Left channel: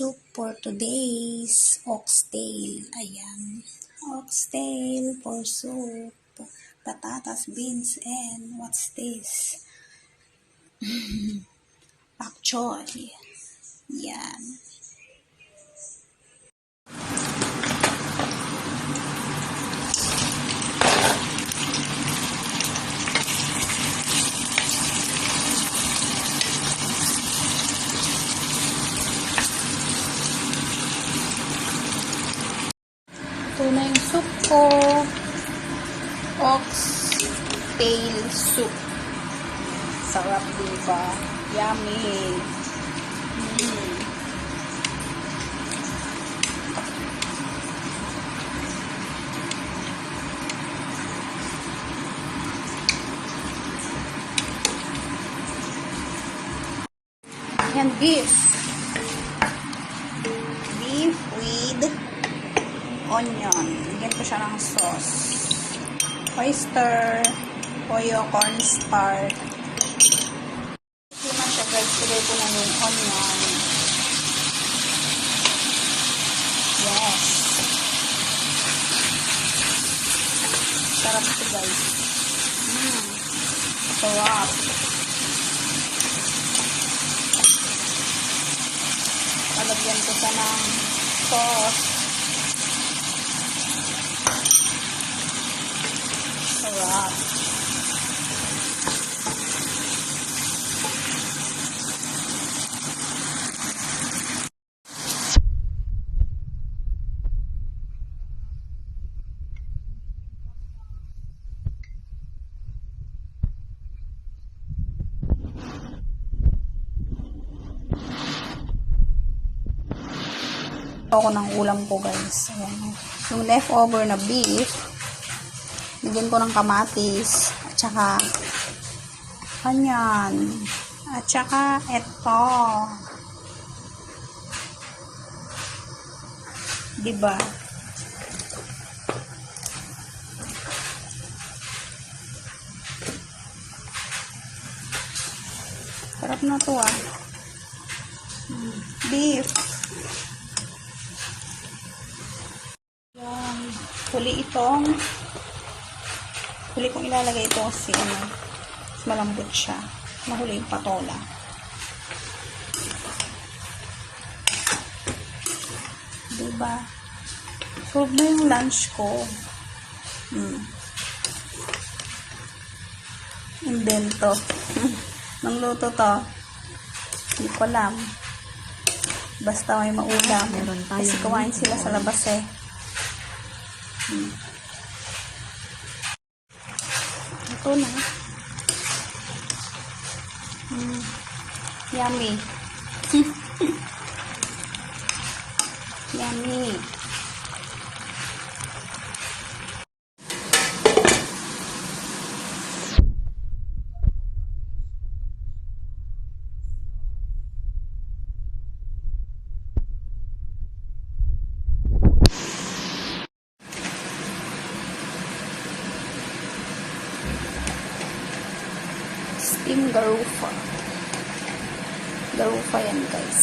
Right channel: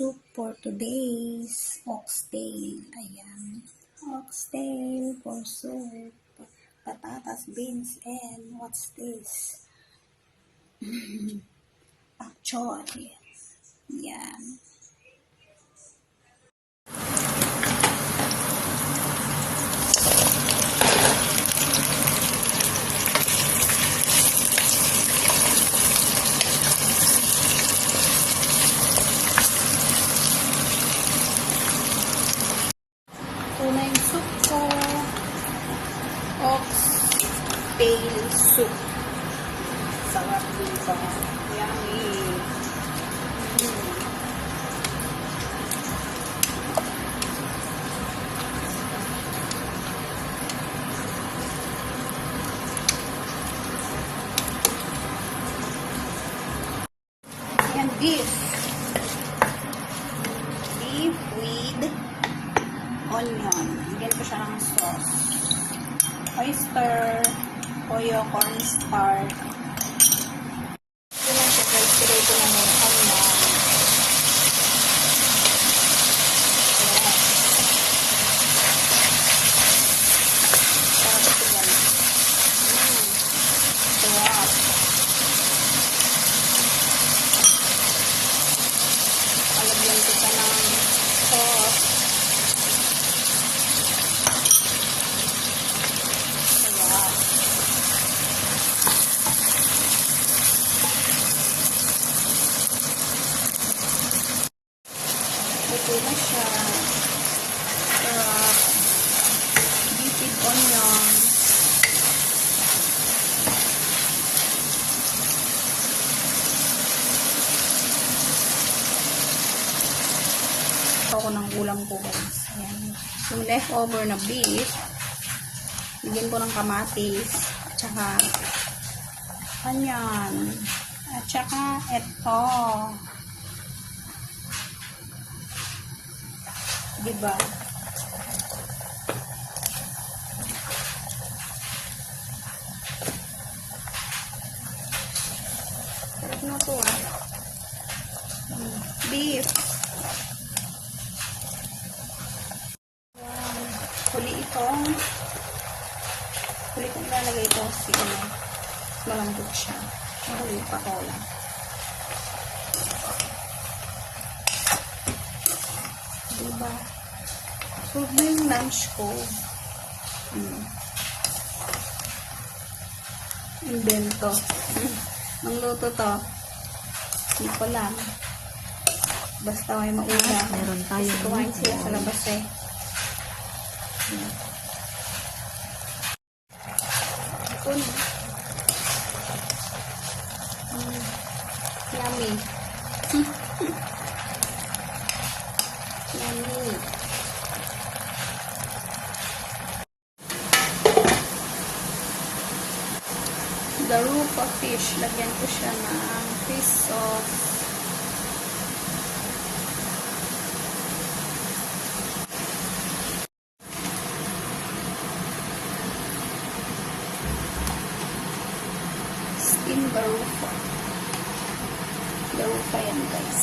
soup for today's oxtail. Ayan. Oxtail for soup. Patatas, beans, and what's this? Pak choy. Yan. Ito na yung soup ko. Oxtail soup. Sarap, diba? Yummy. And beef with onion. Lagyan ko siya ng sauce. Oyster, toyo, cornstarch. Yun na siya guys. Lagyan ko na ng onion. Yes. Sarap ito guys. Sarap. Alagyan ko siya ng sauce. Sarap. Ito na siya. Sarap. Beef with onion. Ako ng ulam ko guys. Ayan. Yung leftover na beef, lagyan ko ng kamatis, at saka onion, at saka ito. Diba? Sarap na to ah. Beef. Huli kong ilalagay ito kasi malambot siya. Mahuli yung patola. Diba? Prove mo yung lunch ko. Invento. Nung luto to, hindi ko alam. Basta may maulam. Meron tayo. Kasi kumain sila sa labas eh. Ito na. Yummy. Yummy. Garupa fish. Lagyan ko siya ng fish sauce. Steam garufa. Garufa yan guys.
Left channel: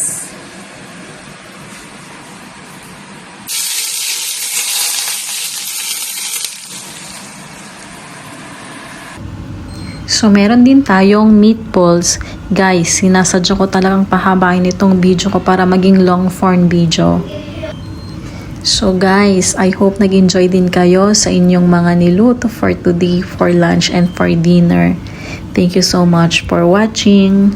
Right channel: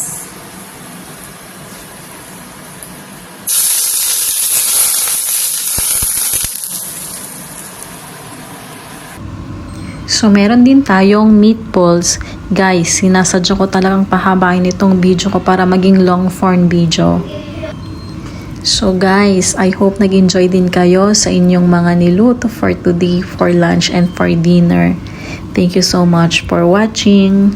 So, meron din tayong meatballs. Guys, sinasadya ko talagang pahabain itong video ko para maging long form video. So guys, I hope nag-enjoy din kayo sa inyong mga niluto for today, for lunch and for dinner. Thank you so much for watching.